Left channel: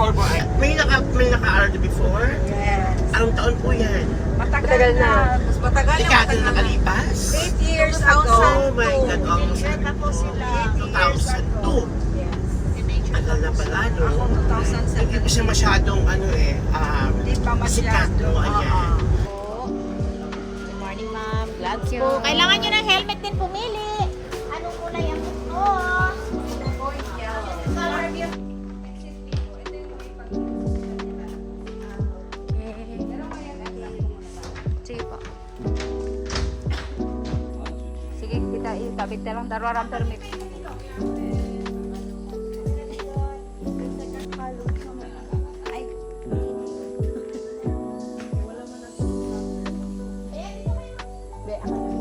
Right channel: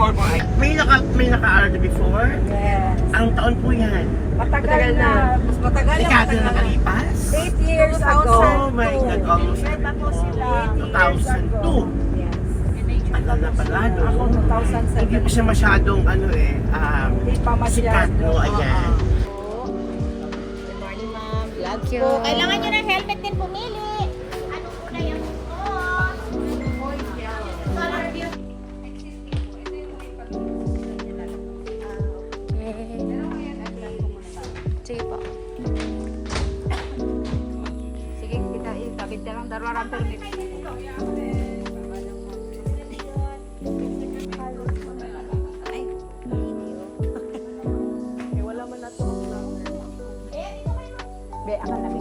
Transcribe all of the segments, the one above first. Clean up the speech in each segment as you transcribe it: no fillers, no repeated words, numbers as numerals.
before mo ay, may naka-aral na before? Yes. Anong taon po yan? Matagal na. Mas matagal na. Dekada na nakalipas? 8 years ago. Oh my God, almost Tapos sila. 2002. Yes. Tagal na pala, no? Ako Hindi 2007. pa siya masyadong, Hindi pa sikat, no? Ayan. Good morning, ma'am. Vlogs po. Kailangan nyo ng helmet din pumili. Anong kulay ang gusto? Sige po. Sige, kita itabit na lang darwarang permit. Ay. Wala man na to. Be, ang alam.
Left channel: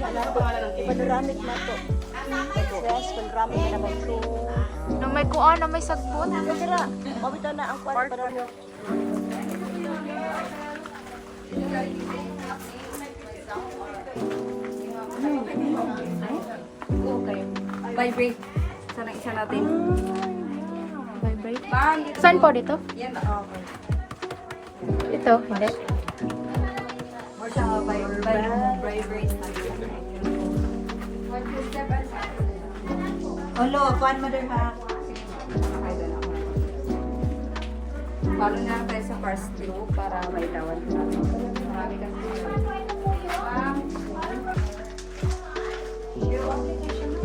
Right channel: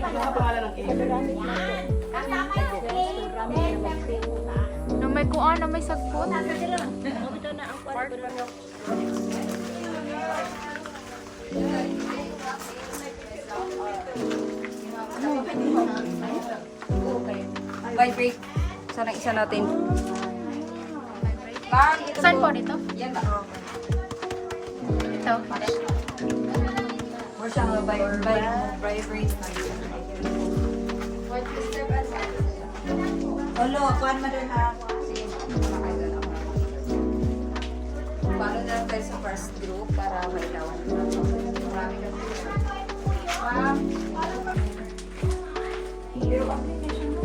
Ano sa pangalan ng cake? Na may kuan, na may sagbot. Mabita na ang kwari para mo. Vibrate. Sana isa natin. Bang, Saan po dito? yan. Okay. Ito. Or siya, vibrate. Hello, kuan mo din ha. Follow na lang tayo sa first group para may daw. Pero application mo.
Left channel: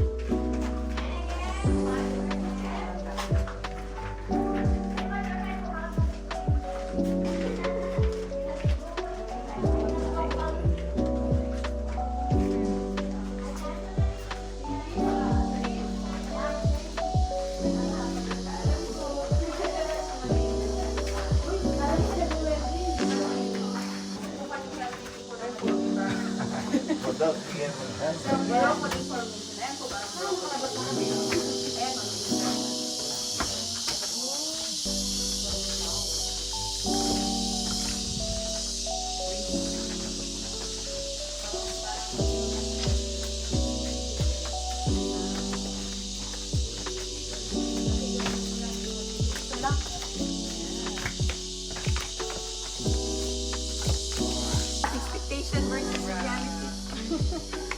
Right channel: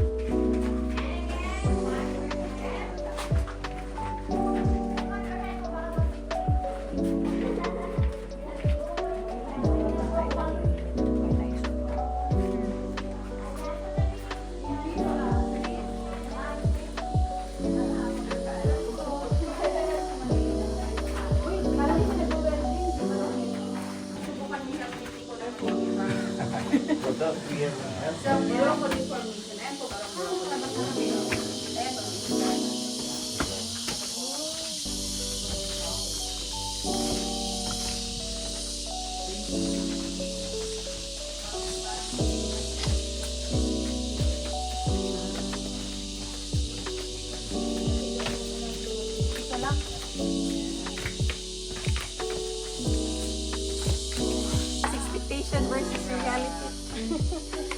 Expectation versus reality.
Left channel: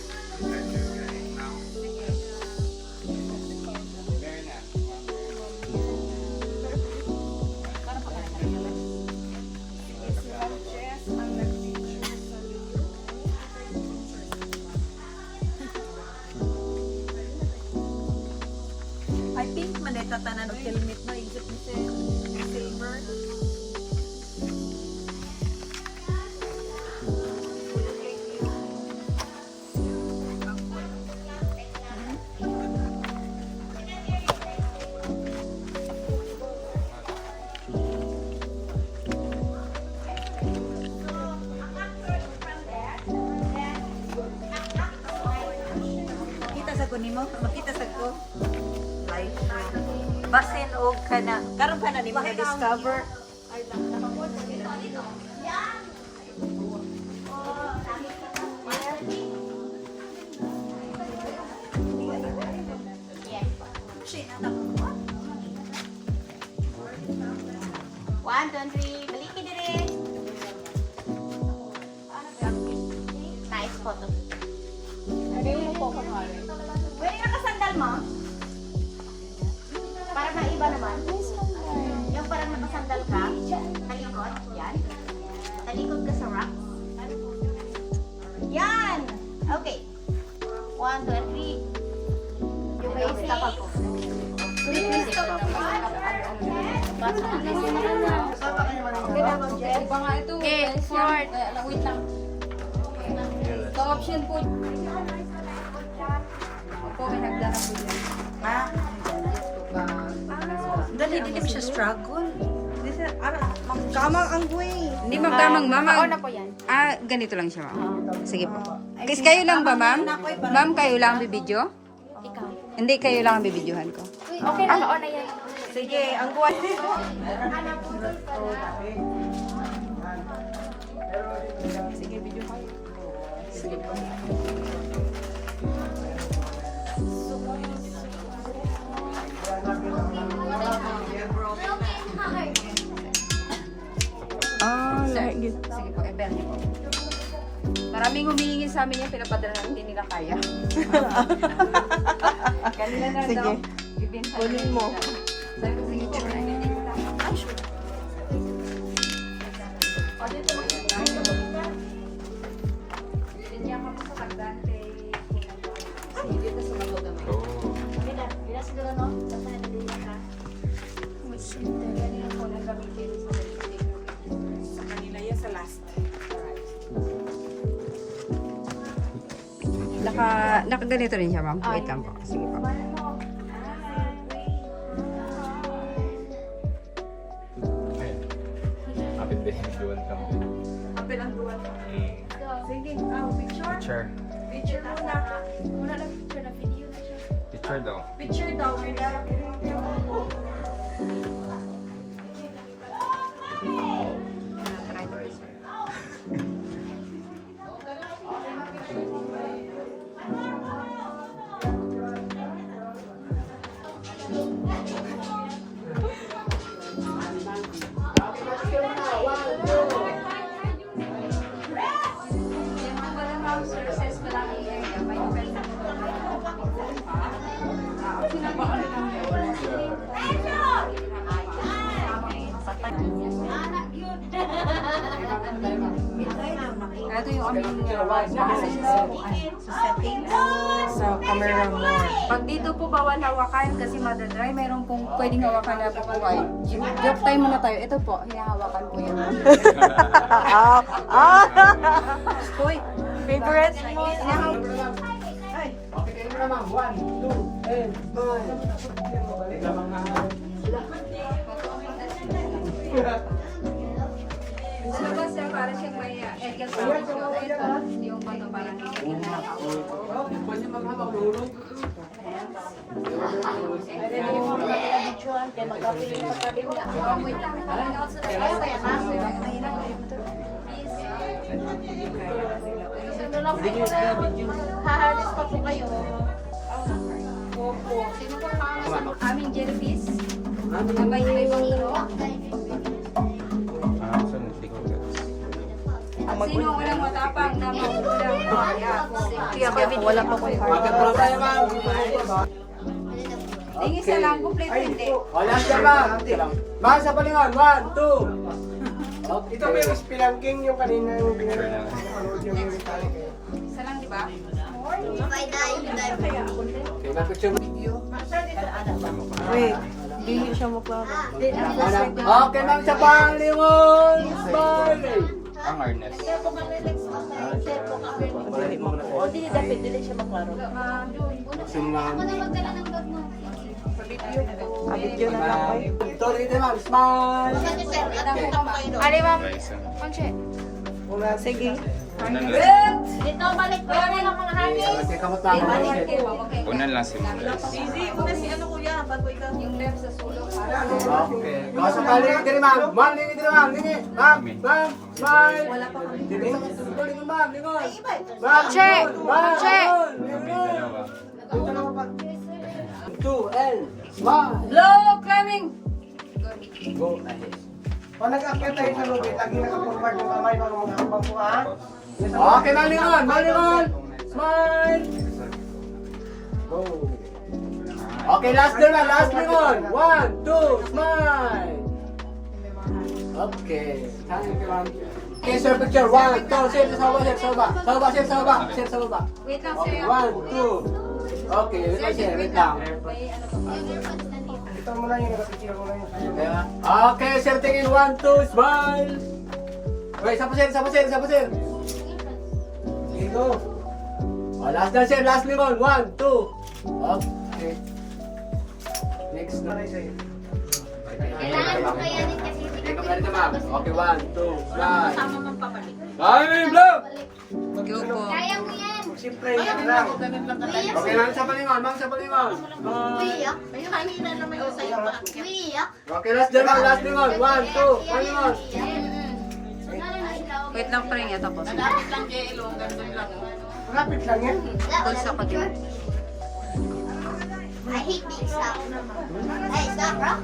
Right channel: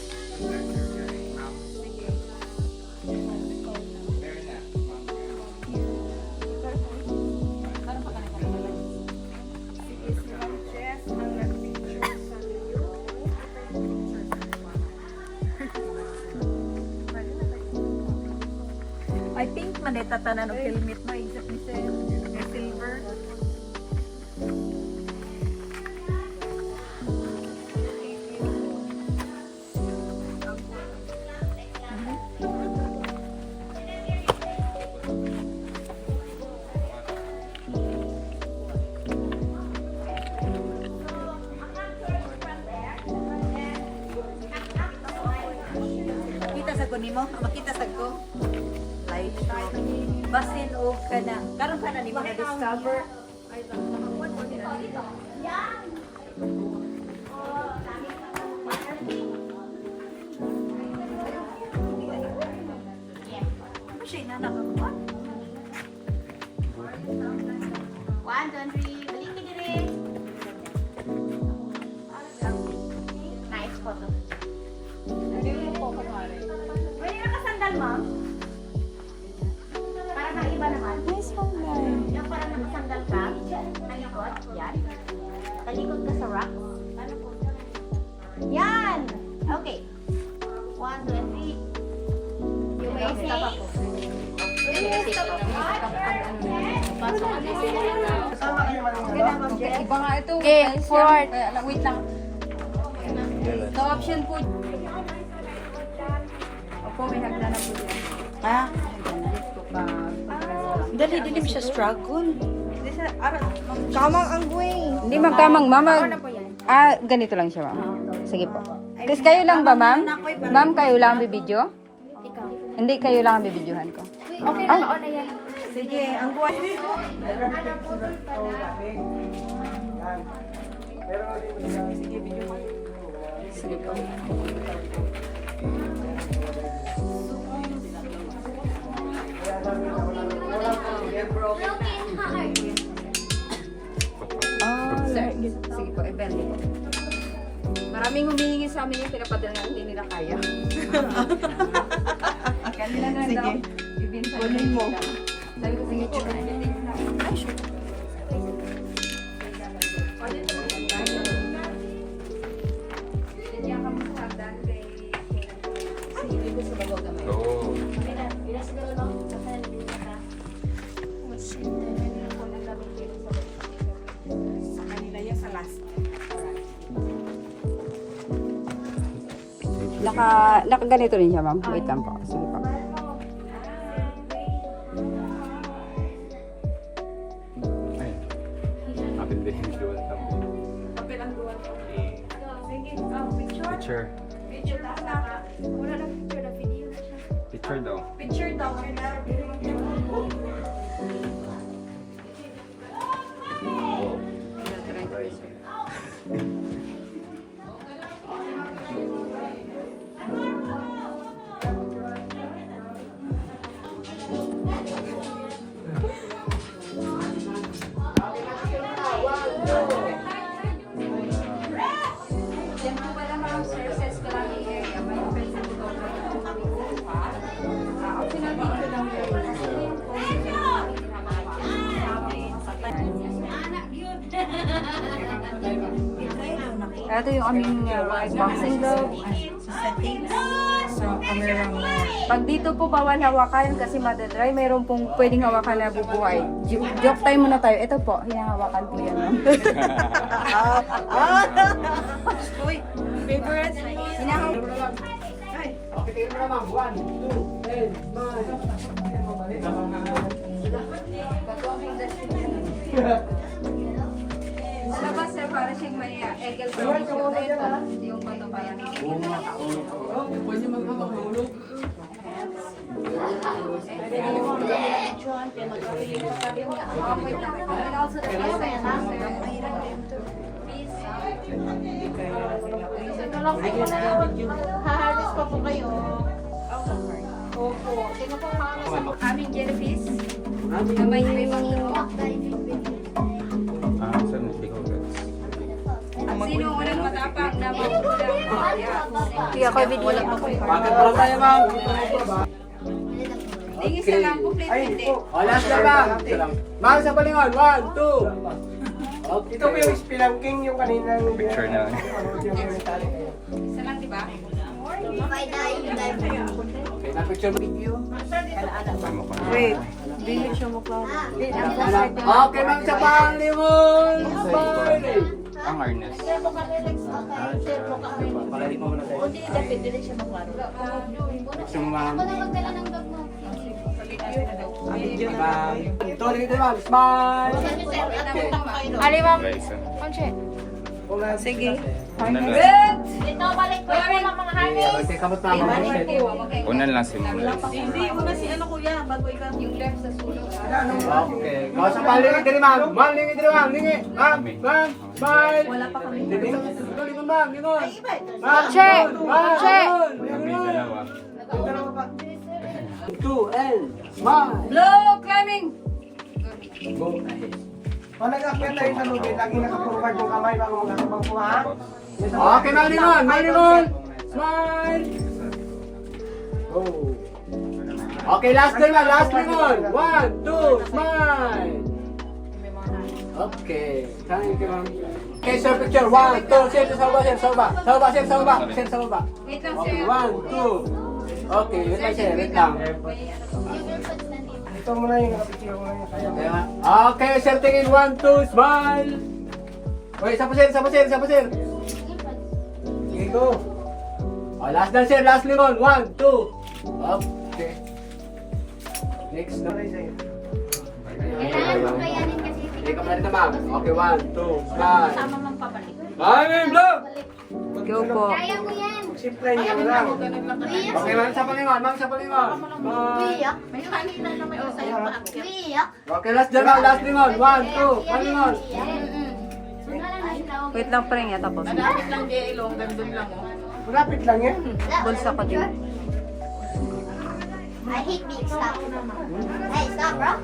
I think man tatanan og helmet mo exit ni silver. Kita sa ko nimo, makita sa ko. Ay, basin og kana. Karon kana nimo na discover. One, two, three. Balikin din. Nice photo. Pwede nakasandal, ma'am? Para may iba naman. Yung parang nakasandal ka. Talikod. Yan. Talikod ka sa rock. Yan. Okay. One, two, and three. You may say. Okay, forward. Wait lang. Sa option po. Ako may nagdala po yun. Ha? Dali dili siya struggle. Kamang ang buhay. Hindi magkamang, mama. Ganito lang siya, ma'am. Sige po. Kasi kayo lang ba, ma'am? Ma'am, kayo lang ang bibidyo? Hindi, kayo lang ang bibidyohan ko. Okay na, on na yan. Sige, ang buhay. Sige po. Sige po, Ebel. Maraming humihingi sa amin yung pinapadala na hindi nila kaya. Kanina nga daw. Kunin mo. Sabi ko, sige, try. Dito sa lagaw gamay. Kanila yan sa last. Nakaganito rin siya, ma'am. Wait lang po. Sige po. Kapil ang duwan. Sige, picture. Picture. Picture lang na. Wala na picture na video na siya. Picture daw. Picture daw. Yan po pala ma'am, services pa lang i-area. May pwede po ba sinabi ko lang ito yung aming boxing log sa settings sa camera mo. Pag dito po bawal hawakan kasi madadry, meron pong pwedeng hawakan na bubuhay. Joke time muna tayo. Ito po, hinahawakan ko yan. Uy, favorite mo. Okay, kayo na ma'am. 1, 2, 10, 9. Ano ba sir, para siyang may egel production. Ito, yung bato parang Pwede magkakahulog. Hahalis pa po kayo. aming jellyfish. Na may pangturo. At sino walang matapang na magulang? Kaya ko video. Wala pa ko. Bakit pala tayo ma'am? Tingin sa lang, complete hindi. O, last na ma'am. Ma'am, sa palingon. 1, 2. Okay. Ito po yung spelunking yung kanina. Picture na. Isa lang, di ba? Okay, na-picture video. Wait, hindi siya maklaro. Okay, ma'am, sa palingon. Smile. Ang harness. Palalit mo muna tayo. Hindi dapat dili siya maklaro. Gusto mo ma'am. Ito, dito ma'am. Smile. Ali, ma'am. Guys, Conche. Sige. Good! Ito, balik ko yung mga hanis. Okay, kamot pa ako. una lang si Mules. Hindi, una si ano kuya, bago ikaw. Yung left sa sulok. Okay. Kau sa palingon diri ma'am. Ma'am, lingi diri ma'am. Lingi. Ma'am, ma'am. Smile. Dito, lingon ma'am. Lingon. Ma'am, Che! ma'am. Che! Dalawa. 2 and smile. Blow climbing! Go ahead. Kung nag-akyat tayo sa lubid, lagi naka-forward yung kamay para magkakabang po ha? Okay, malingon, malingon! Smile! Go! Okay, last din na, last lingon! 1, 2, smile! Okay, thank you ma'am. Okay, sir, picture. 1, 2, sir, sa baba, sir, sa baba. Sa baba, sir, sa baba. Sir, sa baba. Wait lang Okay, sir. 1, 2. Okay, wait lang, sir, wait lang. Ito muna yung nakapicture ko ngayon. Okay, sir, tingin 1, 2, smile! Okay, isa pa sir, isa pa sir, isa pa sir. Sige, go. Oh, last na sir, last lingon. 1, 2. Okay. Next na. Okay, ka na ma'am. Okay, 1, 2, smile. Tama mang pabalik. Bye, vlog! Go po. Simple yan lang. Okay, ma'am, sa palingon, ma'am, sa palingon. Bye. May hangin na naman yung sa'yo pa. Okay, last dyan, ma'am, last lingon. 1, 2, palingon. Wait lang, pre nga tapos. Rapid lang yan. Bulsa ko din. I hate being stopped. Hey, stop, bro.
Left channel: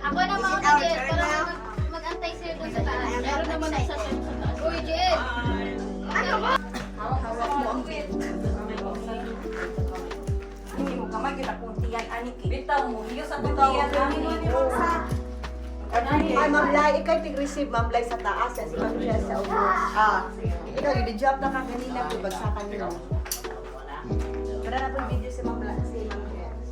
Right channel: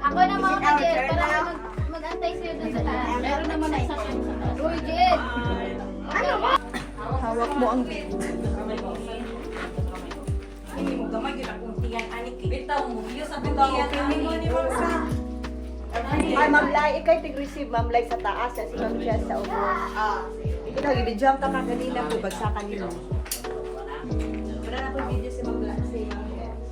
Ako na mga kajel. Kailangan mag-antay sa'yo dun sa taas. Meron naman na sa Uy, Jed! Ano ba? Hindi mo gamay kita kung tiyan anik. Bitaw mo, iyo sa tiyan anik. Ay, Ma'am Lai, ikaw tig-receive, Ma'am Lai, sa taas. Si Ma'am Jess sa ulo. Ikaw, i-video ka kanina po, bagsakan nyo. Wala na po video si Ma'am Lai, si Ma'am Jess.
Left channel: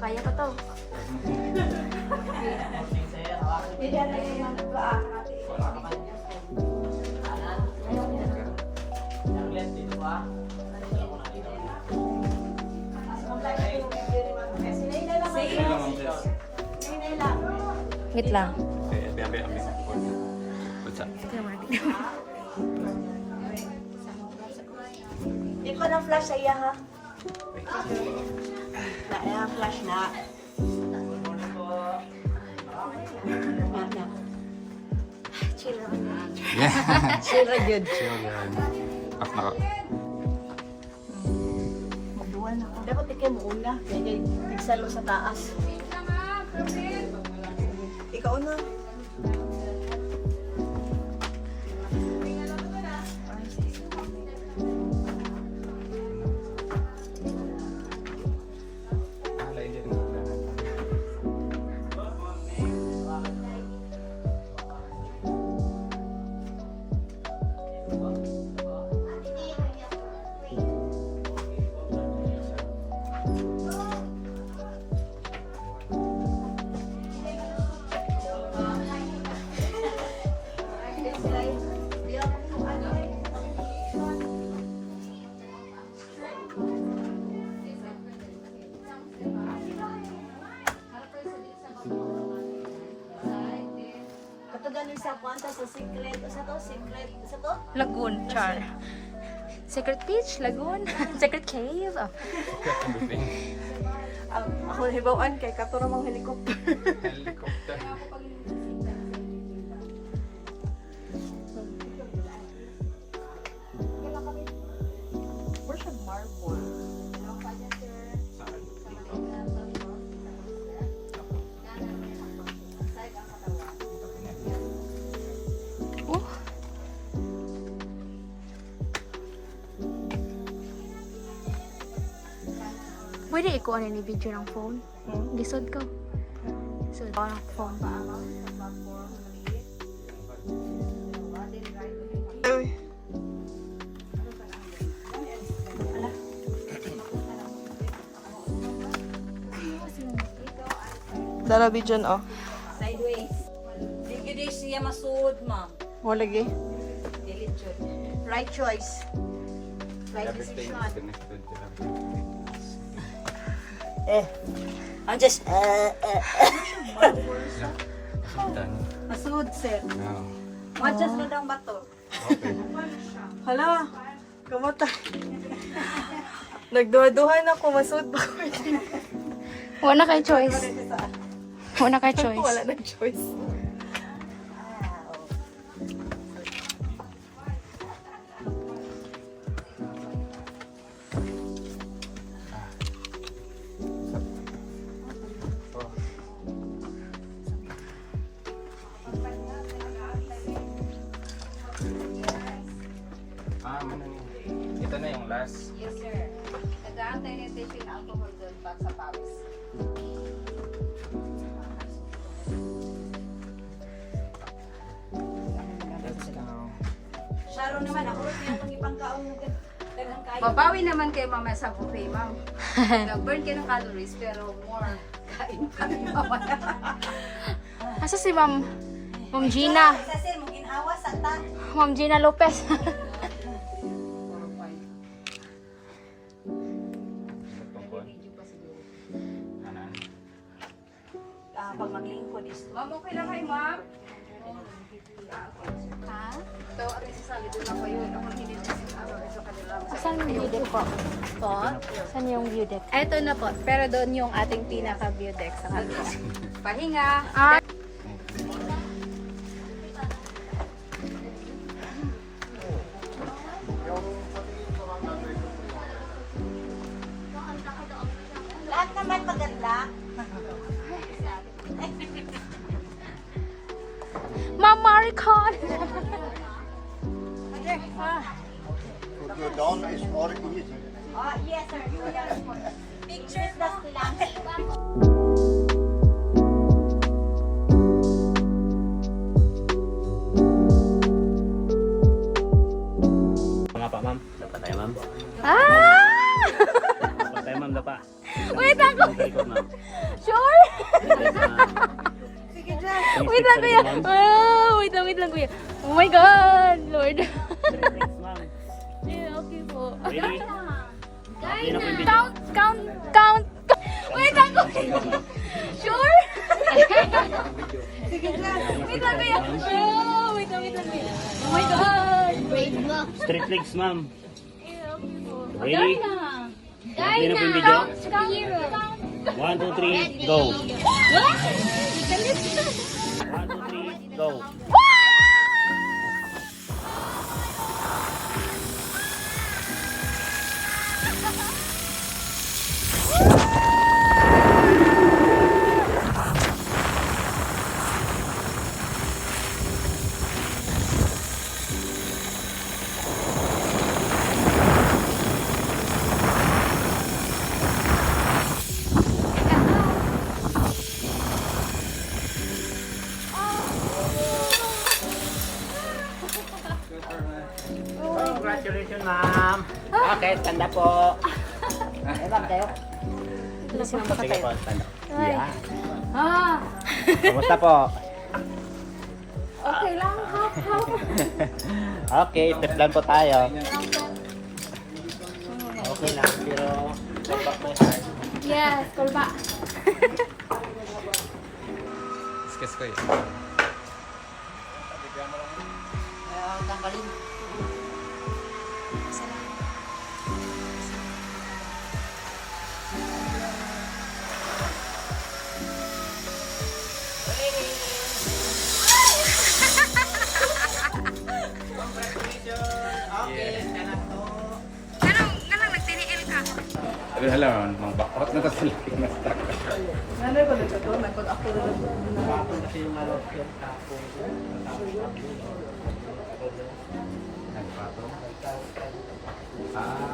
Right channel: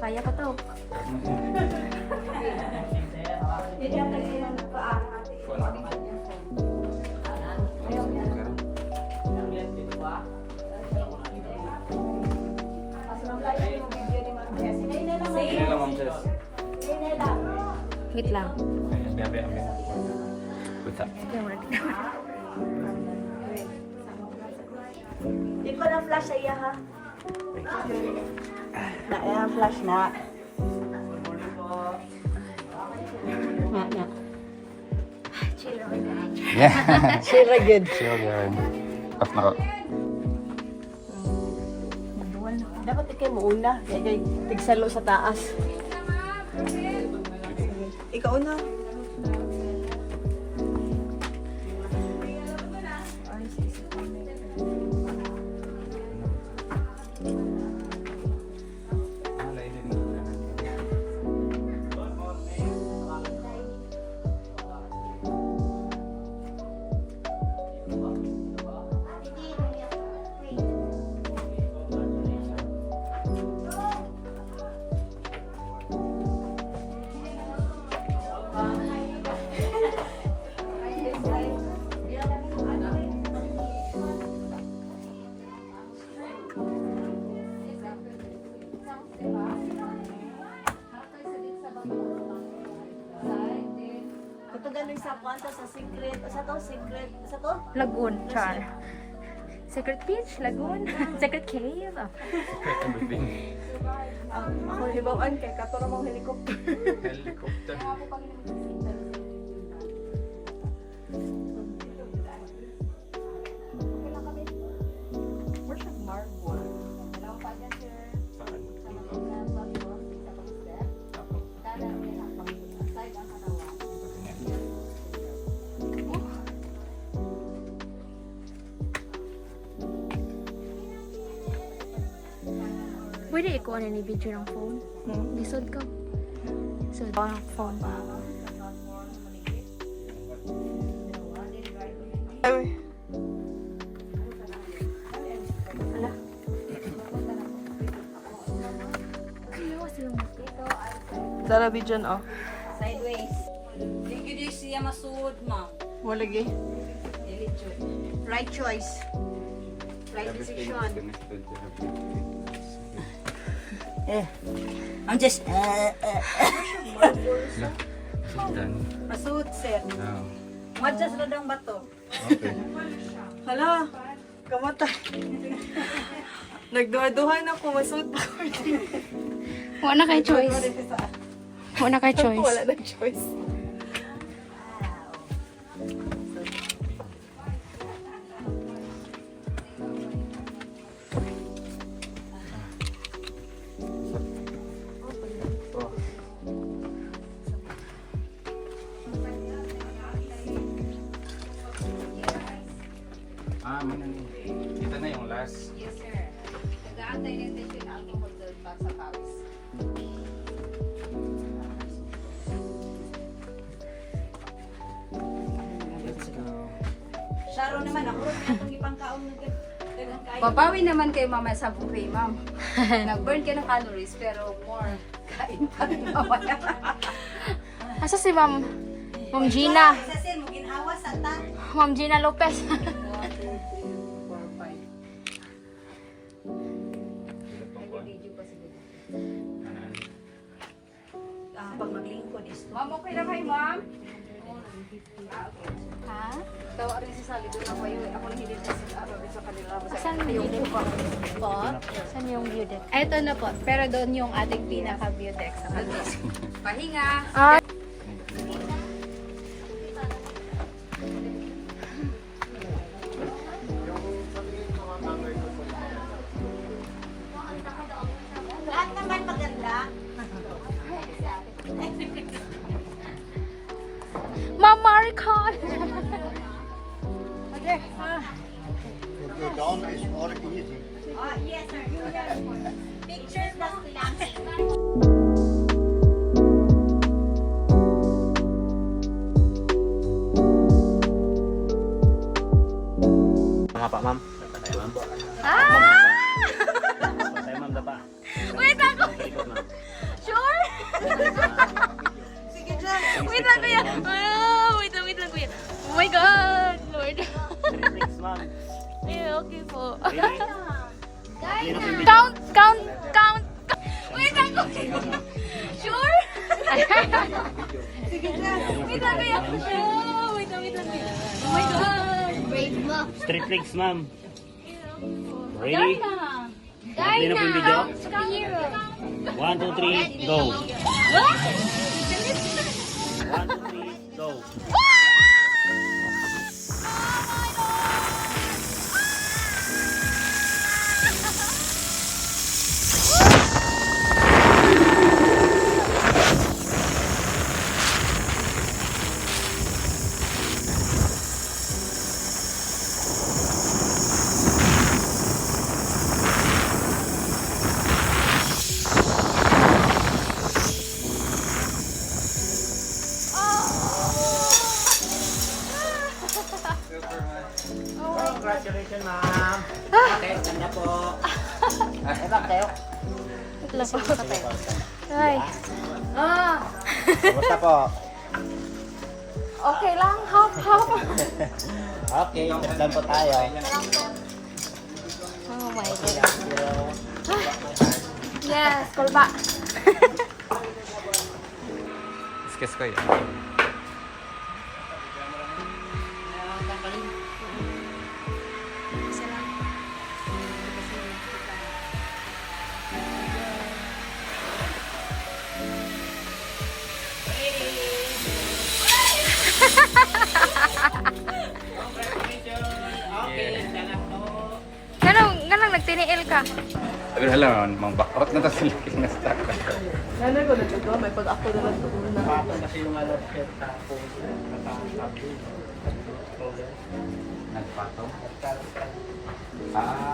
Kaya ka to. Sige lang, Ma'am Jess. Wait lang. Bebe, amin. Buta. Di ko na flash sa iya, ha? Na, yan, flash mo. Yeah. Sira good. Chill yan. Off na ko. Dapat ikay mo una. Ikay tigsalo sa taas. Ikaw na. Katugan sa kwanta sa secret. Sa to, secret. Sa to? Lagoon, char. Secret beach, lagoon, secret cave. Oh. Ako hibawaan kay katuro mong helicopter. Helicopter. Where's the marble? Pwede ikuha na ni video ng phone. Lisod ko. Lisod ko ng phone. Dala video oh. Sideways. Hindi din siya masuod, ma'am. Mo lagi. Right choice. Right decision. I'm just, Masud sir. what just na lang ba to? Hala. Kamatay. Nagduha-duhan ako masud ba? Wala kay choice. Wala kay choice. Wala na choice. Kita na yung last. Yes, sir. Nag-aantay lang din siya ang pumunod pag sa pawis. Let's go. Sharo naman, ako rin itong ipangkaon mo. Babawi naman kayo mama sa buffet, ma'am. Nag-burn ka ng calories pero more kain pa rin mamaya. Asa si Ma'am Gina? Sa sir, mo ginawa sa ta. Ma'am Gina Lopez. Pag maglingkod is Ma'am, okay na kayo, ma'am? Ha? Tawa rin si Sally doon. Ako nang hindi sa kanila. Saan yung view deck po? Saan yung view deck? Eto na po, pero doon yung ating pinaka-view deck sa kanila. Pahinga. Lahat naman maganda. Ma'am Maricon! Oh, yes, sir. Pictures lang. Mga pa, ma'am. Ah! Patay, ma'am, bata. Wait ako! Sure? Sige dyan. Wait lang kuya! Ah, wait lang kuya. Oh my God! Lord. Next, ma'am. Yeah, okay po. Ready? Okay na po yung video. Count! Wait ako! Sure? Sige dyan. Wait lang kuya! Ah, wait lang kuya. Oh my God! Brave mo. Straight legs, ma'am. Yeah, okay po. Ready? Okay na po yung video. 1, 2, 3, go. 1, 2, 3, go. Congratulations, ma'am. Okay, tanda po. Okay, ma'am, tayo. Sige po, tanda. Ay. Ah! Kumusta po? Okay lang, half. Okay, first lang po tayo. Oh my God. Yes, kulba. Kiss kayo. Ganang nagtiniil ka. Sabi na lang, mga bakrot na kasi na sa Nanay ko nagkito, may pag-ako na lang doon na. nagpatong. Ah,